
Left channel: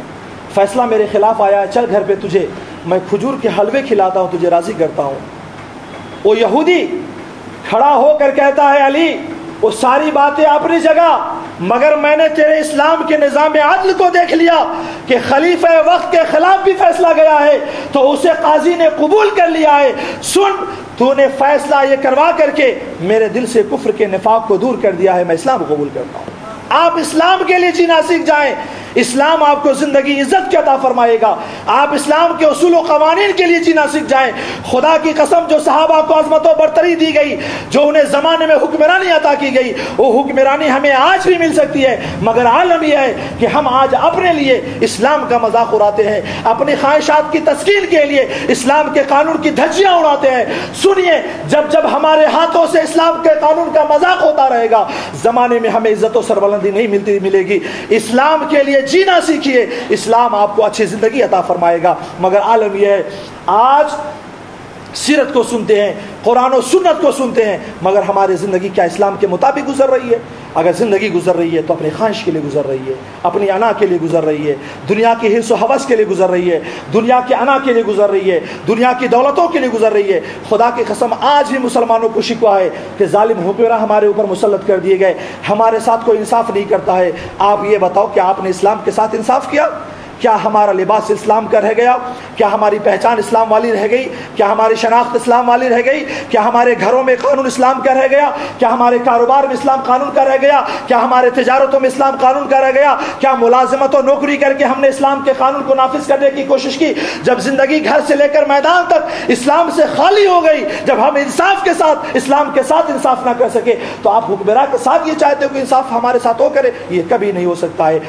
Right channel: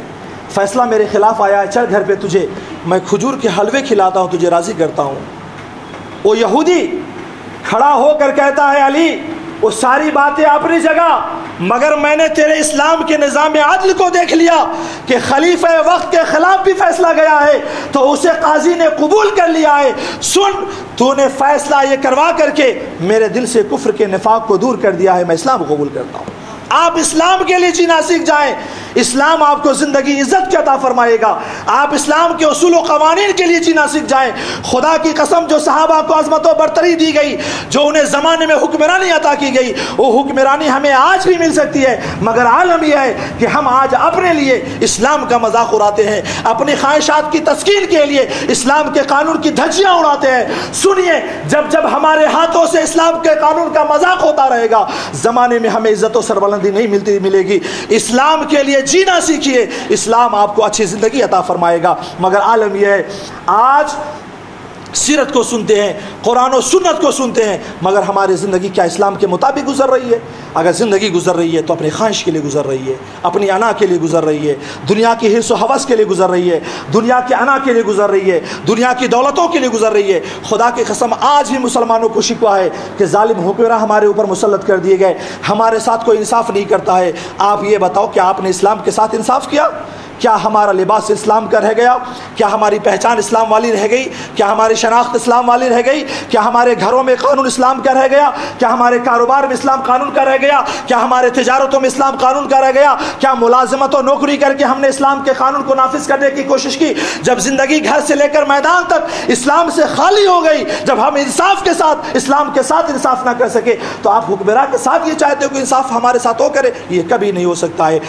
فیصلہ میرے خلاف آیا ہے, چل گھر پہ تجھے میں کھجور کے حلوے کھلاتا ہوں, تجھے راضی کرتا ہوں. وہ یہودی کھڑا ہو کر کہتا ہے علی وہ ساری باتیں اپنی جگہ, مگر میں نے تیرے اسلام کے نظام عدل کو دیکھ لیا کہ خلیفہ وقت کے خلاف بھی فیصلہ گیا ہے تو اسے قاضی نے قبول کر لیا ہے. سن تو نے فیصلہ یہ کروا کر کے میرے دل سے کفر کے نفاق کو دور کر دیا ہے, میں اسلام کو قبول کرتا ہوں. آپ اسلام کے لیے جینا سیکھ جائیں, اسلام آپ کو زندگی عزت کے عطا فرمائے گا. آپ اسلام کے اصول و قوانین کے لیے جینا سیکھ جائیں. خدا کی قسم جو صحابہ کو عظمت و برتری دی گئی, جو انہیں زمانے میں حکمرانی عطا کی گئی, وہ حکمرانی ہمیں آج بھی مل سکتی ہے, مگر عالم یہ ہے کہ ہم آج اپنے لیے اسلام کا مذاق اڑاتے ہیں, اپنی خواہشات کی تسکین کے لیے اسلام کے قانون کی دھجیاں اڑاتے ہیں. سنیے, جب جب ہمارے ہاتھوں سے اسلام کے قانون کا مذاق ہوتا رہے گا زمانے میں ہمیں عزت و سربلندی نہیں ملے گی. اسلام کے لیے جینا سیکھیے, اسلام آپ کو اچھی زندگی عطا فرمائے گا. مگر عالم یہ ہے آج سیرت کو سنتے ہیں, قرآن و سنت کو سنتے ہیں, مگر ہماری زندگی کیا اسلام کے مطابق گزر رہی ہے؟ اگر زندگی گزر رہی ہے تو اپنی خواہش کے لیے گزر رہی ہے, اپنی انا کے لیے گزر رہی ہے, دنیا کی حرص و حوث کے لیے گزر رہی ہے, دنیا کے انا کے لیے گزر رہی ہے, دنیا کی دولتوں کے لیے گزر رہی ہے. خدا کی قسم آج بھی مسلمانوں کو شکوہ ہے کہ ظالم حکمراں ہمارے اوپر مسلط کر دیے گئے, ہمارے ساتھ کوئی انصاف نہیں کرتا ہے. آپ یہ بتاؤ کہ آپ نے اسلام کے ساتھ انصاف کیا؟ کیا ہمارا لباس اسلام کا رہ گیا؟ کیا ہماری پہچان اسلام والی رہ گئی؟ کیا ہماری شناخت اسلام والی رہ گئی؟ کیا ہمارے گھروں میں قانون اسلام کا رہ گیا؟ کیا ہمارے کاروبار میں اسلام قانون کا رہ گیا؟ کیا ہمارے تجارتوں میں اسلام قانون کا رہ گیا؟ کیا ملازمت و نوکری کر کے ہم نے اسلام کے قانون کو نافذ کرنے کی کوشش کی؟ جب زندگی گھر سے لے کر میدان تک اسلام سے خالی ہو گئی, جب ہم انصاف کے ساتھ اسلام کے ساتھ انصاف نہ کر سکے, تو آپ حکمراں کے ساتھ یہ چاہتے ہو کہ انصاف ہمارے ساتھ ہو کرے؟ یہ کبھی نہیں ہو سکتا ہے.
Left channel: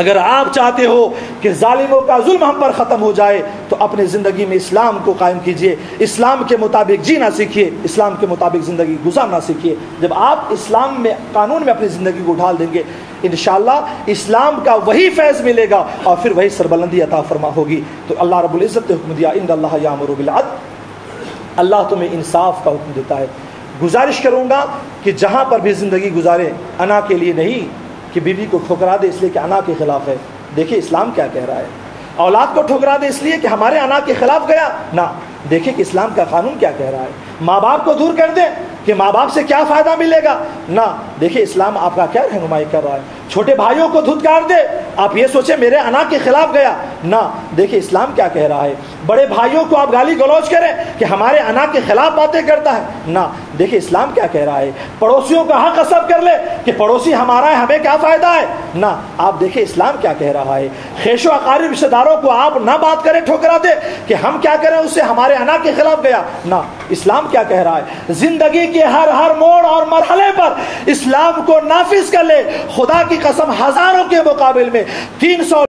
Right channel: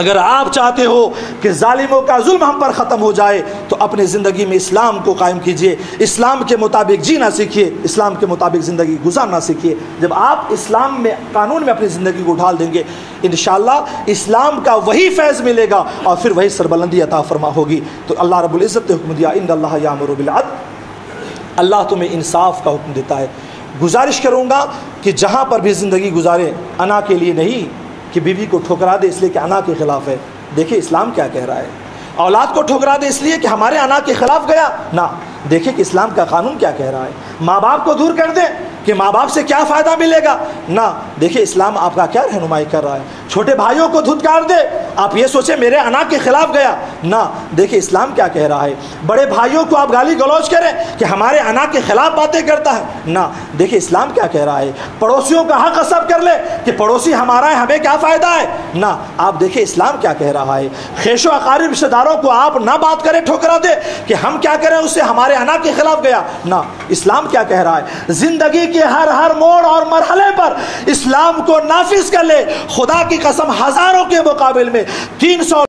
اگر آپ چاہتے ہو کہ ظالموں کا ظلم ہم پر ختم ہو جائے تو اپنے زندگی میں اسلام کو قائم کیجئے, اسلام کے مطابق جینا سیکھیے, اسلام کے مطابق زندگی گزارنا سیکھیے. جب آپ اسلام میں قانون میں اپنی زندگی کو ڈھال دیں گے انشاءاللہ اسلام کا وہی فیض ملے گا اور پھر وہی سربلندی عطا فرما ہوگی. تو اللہ رب العزت نے حکم دیا ان اللہ یامر بالعدل, اللہ تمہیں انصاف کا حکم دیتا ہے. گزارش کروں گا کہ جہاں پر بھی زندگی گزاریں انا کے لیے نہیں کہ بیوی کو ٹھکرا دے اس لیے کہ انا کے خلاف ہے. دیکھیں اسلام کیا کہہ رہا ہے. اولاد کو ٹھکرا دے اس لیے کہ ہمارے انا کے خلاف گیا, نہ, دیکھیں کہ اسلام کا قانون کیا کہہ رہا ہے. ماں باپ کو دور کر دیں کہ ماں باپ سے کیا فائدہ ملے گا, نہ, دیکھیں اسلام آپ کا کیا رہنمائی کر رہا ہے. چھوٹے بھائیوں کو دھتکار دے, آپ یہ سوچیں میرے انا کے خلاف گیا, نہ, دیکھیں اسلام کیا کہہ رہا ہے. بڑے بھائیوں کو آپ گالی گلوچ کریں کہ ہمارے انا کے خلاف باتیں کرتا ہے, نہ, دیکھیں اسلام کیا کہہ رہا ہے. پڑوسیوں کا حق غصب کر لے کہ پڑوسی ہمارا ہے ہمیں کیا فائدہ ہے, نہ, آپ دیکھیں اسلام کیا کہہ رہا ہے. خیش و اقارب رشتہ داروں کو آپ نہ بات کریں ٹھکرا دے کہ ہم کیا کریں اس سے ہمارے انا کے خلاف گیا, نہ, اسلام کیا کہہ رہا ہے. زندگی کے ہر موڑ اور مرحلے پر اسلام کو نافذ کر لے. خدا کی قسم ہزاروں کے مقابل میں 300